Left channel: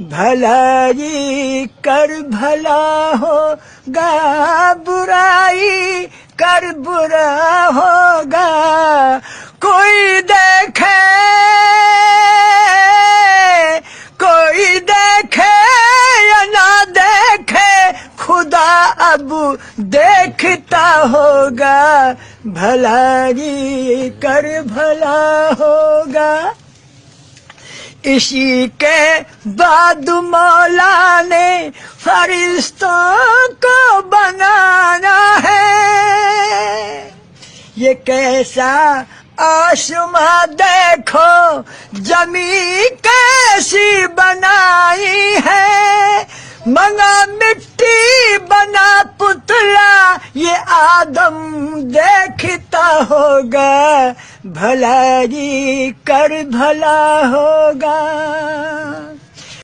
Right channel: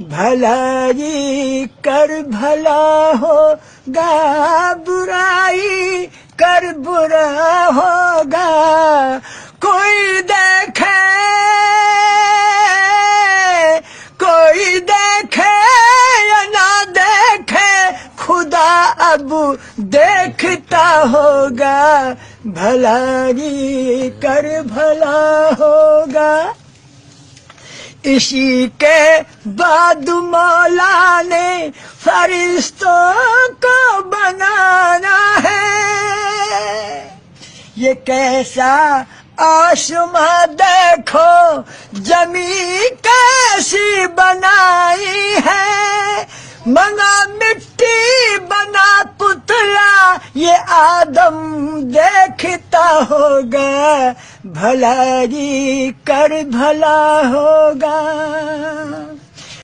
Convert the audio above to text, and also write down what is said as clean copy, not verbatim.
भलाई कर भला होगा, बुराई कर बुरा होगा। कोई देखे या ना देखे, खुदा अब देखता होगा। भलाई कर भला होगा। इसी के बाद मौला ने फरिश्तों को बनाना है। ये कैसा आसमां देखो, जमी कैसी बनाई है। मना मिट्टी बना पुतला, ये आदम देखता होगा। भलाई कर भला होगा।